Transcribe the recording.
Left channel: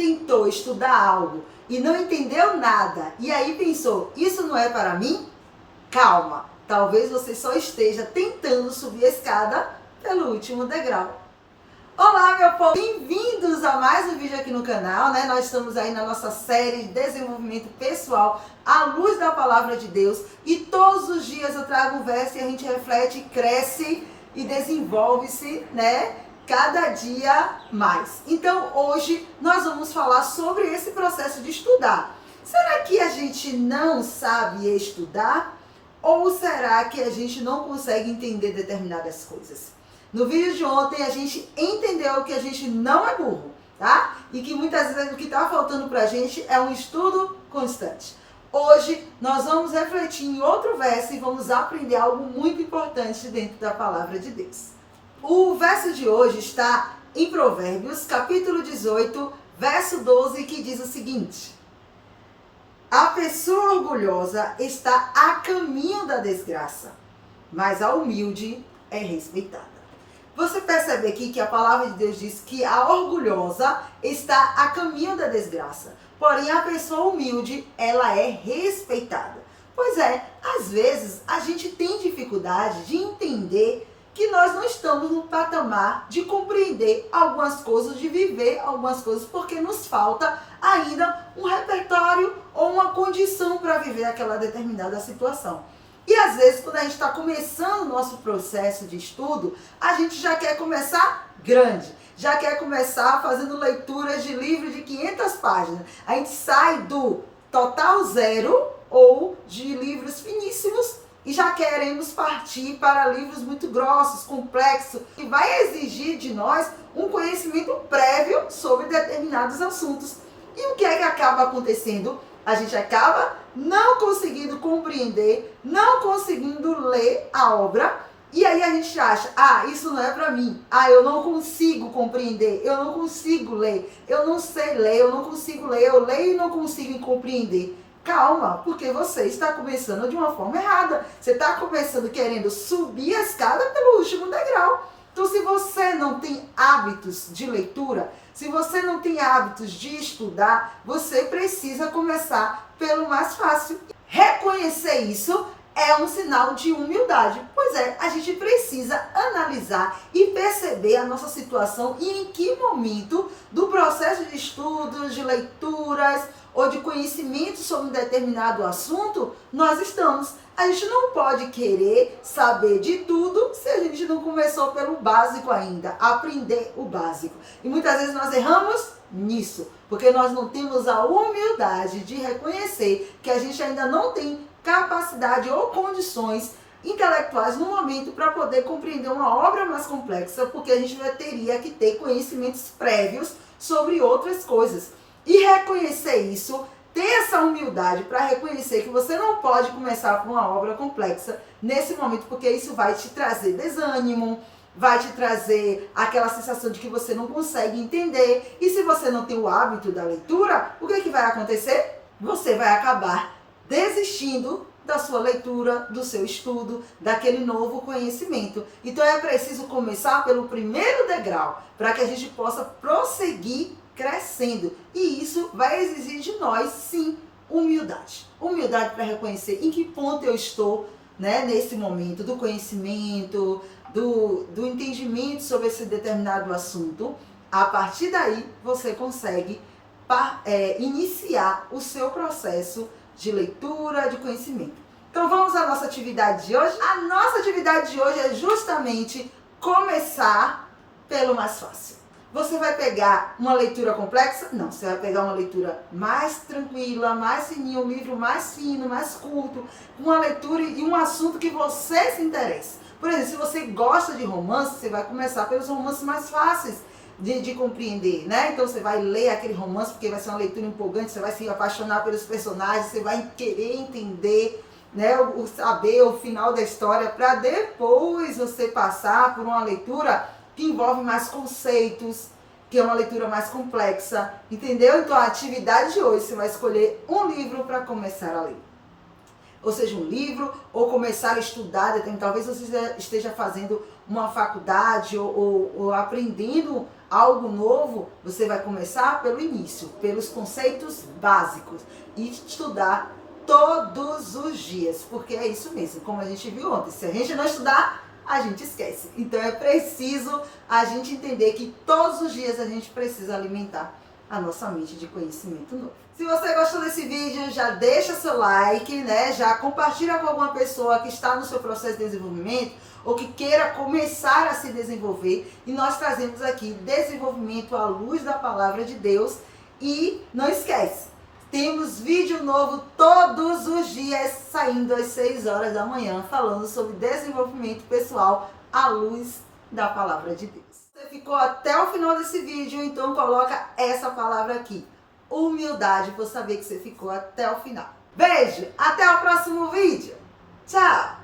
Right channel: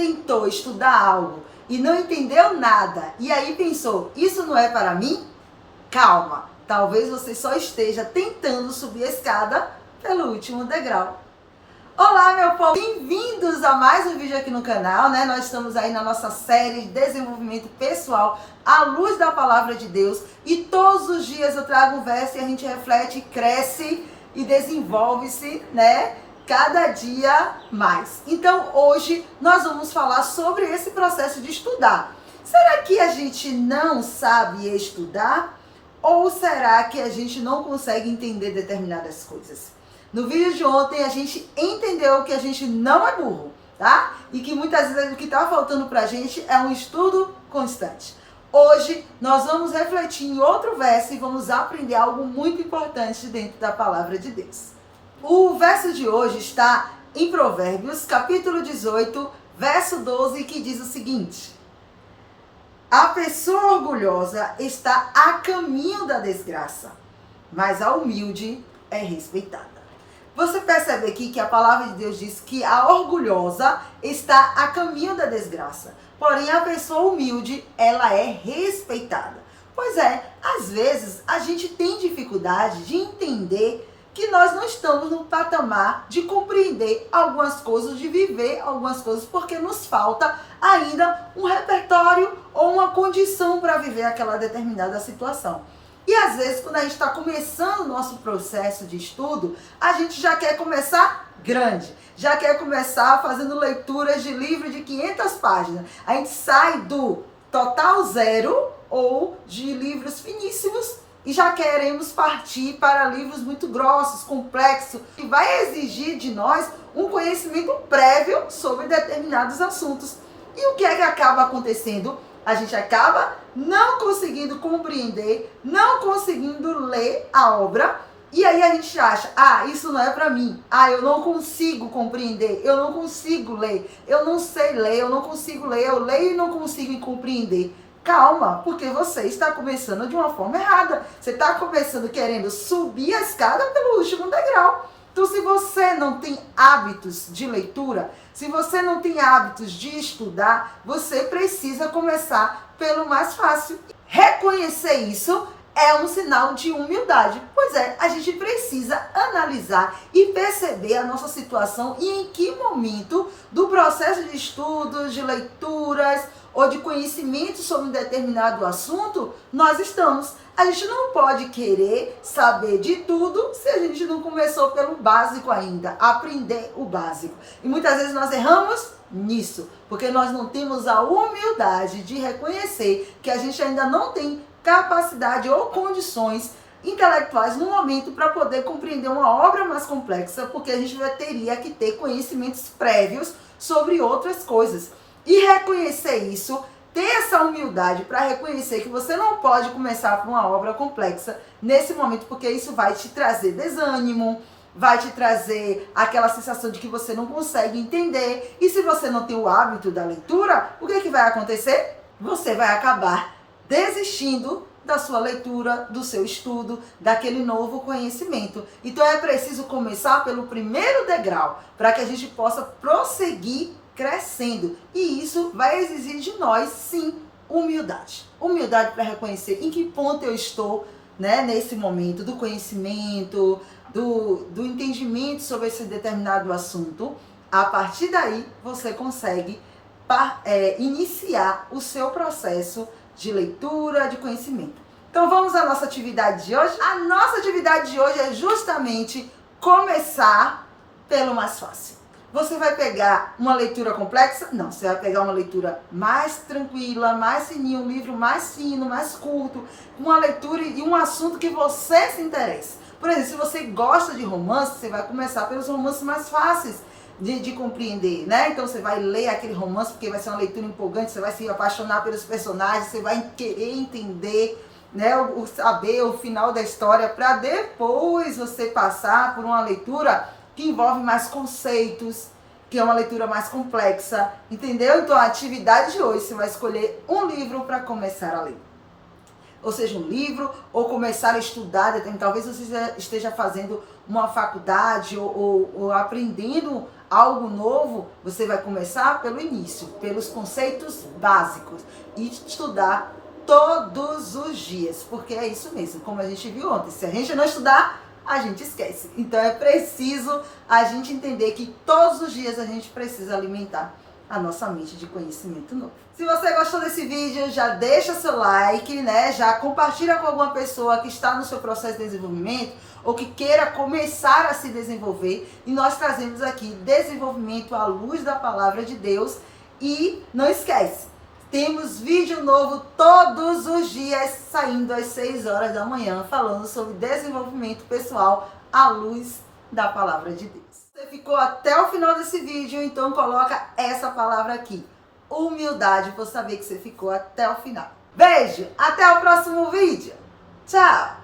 tentou estudar algo e não entendeu nada e aí pensou, isso não é para mim? Calma, talvez você só esteja tentando subir a escada pelo último degrau. Olá, meu povo! Bem-vindos a mais um vídeo aqui no canal, né? Nós estamos aí na nossa série de desenvolvimento pessoal à luz da palavra de Deus e todos os dias eu trago um verso e a gente reflete, cresce e desenvolve-se, né? Cada dia mais. Então, hoje nós vamos falar sobre esse processo de estudar. Será que a gente não sabe estudar? Ou será que a gente não consegue entender determinadas coisas? No vídeo de ontem a gente entendeu que a gente não é burro, tá? E que muitas vezes o que está faltando pra gente é um estudo constante. Hoje nós vamos refletir em outro verso e vamos aprender algo muito importante dentro da palavra de Deus. O verso de hoje está em Provérbios, capítulo 18, verso 12, que diz o seguinte: a pessoa orgulhosa está a caminho da desgraça, mas a humilde é respeitada. Você percebe aqui que a palavra de Deus diz que a orgulhosa está a caminho da desgraça, porém a pessoa humilde, ela é respeitada. Pois é, às vezes a gente tem dificuldade de entender que nós não estamos no patamar de compreender algumas coisas, de viver algumas coisas, porque nos falta ainda um repertório ou uma condição para viver aquela determinada situação. E às vezes, quando a gente está começando o nosso processo de estudo, a gente já quer começar grande, já quer começar fazendo leituras de livro de 500 páginas. A gente sai do total zero ou de livros finíssimos e já queremos partir para livros muito grossos, complexos, que vai exigir de nós um conhecimento prévio sobre determinados assuntos. E o que é que acaba acontecendo? A gente acaba não conseguindo compreender, não conseguindo ler a obra, e aí a gente acha, isso não é para mim, eu não consigo compreender, eu não consigo ler, eu não sei ler, eu não consigo ler, eu leio e não consigo compreender. Calma, porque você está começando de uma forma errada. Você está começando querendo subir a escada pelo último degrau. Então, se você não tem hábitos de leitura, se você não tem hábitos de estudar, você precisa começar pelo mais fácil. Reconhecer isso é um sinal de humildade. Pois é, a gente precisa analisar e perceber a nossa situação e em que momento do processo de estudos, de leituras ou de conhecimento sobre um determinado assunto nós estamos. A gente não pode querer saber de tudo se a gente não começou pelo básico ainda, aprender o básico. E muitas vezes nós erramos nisso, porque nós não temos a humildade de reconhecer que a gente ainda não tem capacidade ou condições intelectuais no momento para poder compreender uma obra mais complexa, porque a gente já teria que ter conhecimentos prévios sobre outras coisas. E reconhecer isso, ter essa humildade para reconhecer que você não pode começar por uma obra complexa nesse momento, porque isso vai te trazer desânimo, vai te trazer aquela sensação de que você não consegue entender. E se você não tem o hábito da leitura, o que é que vai acontecer? Você vai acabar desistindo da sua leitura, do seu estudo, daquele novo conhecimento. Então é preciso começar pelo primeiro degrau, para que a gente possa prosseguir crescendo. E isso vai exigir de nós, sim, humildade. Humildade para reconhecer em que ponto eu estou, né, nesse momento do conhecimento, do entendimento sobre esse determinado assunto. A partir daí, você consegue iniciar o seu processo de leitura, de conhecimento. Então vamos à nossa atividade de hoje? A nossa atividade de hoje é justamente começar pelo mais fácil. Você vai pegar uma leitura complexa? Não, você vai pegar uma leitura mais tranquila, mais fininha, um livro mais fino, mais curto, uma leitura e um assunto que você se interessa. Por exemplo, se você gosta de romance, você vai começar pelos romances mais fáceis de compreender, né? Então você vai ler aquele romance porque vai ser uma leitura empolgante, você vai se apaixonar pelos personagens, você vai querer entender, né, saber o final da história, para depois você passar por uma leitura que envolve mais conceitos, que é uma leitura mais complexa, entendeu? Então a atividade de hoje, você vai escolher um livro para começar a ler. Ou seja, um livro, ou começar a estudar, talvez você esteja fazendo uma faculdade ou aprendendo algo novo, você vai começar pelo início, pelos conceitos básicos e estudar todos os dias, porque é isso mesmo, como a gente viu ontem, se a gente não estudar, a gente esquece. Então é preciso a gente entender que todos os dias a gente precisa alimentar a nossa mente de conhecimento novo. Se você gostou desse vídeo, já deixa seu like, né? Já compartilha com alguma pessoa que está no seu processo de desenvolvimento ou que queira começar a se desenvolver. E nós trazemos aqui desenvolvimento à luz da palavra de Deus. E não esquece, temos vídeo novo todos os dias, saindo às 6 horas da manhã, falando sobre desenvolvimento pessoal à luz da palavra de Deus. Você ficou até o final desse vídeo, então coloca essa palavra aqui. Humildade, por saber que você ficou até o final. Beijo, até o próximo vídeo. Tchau!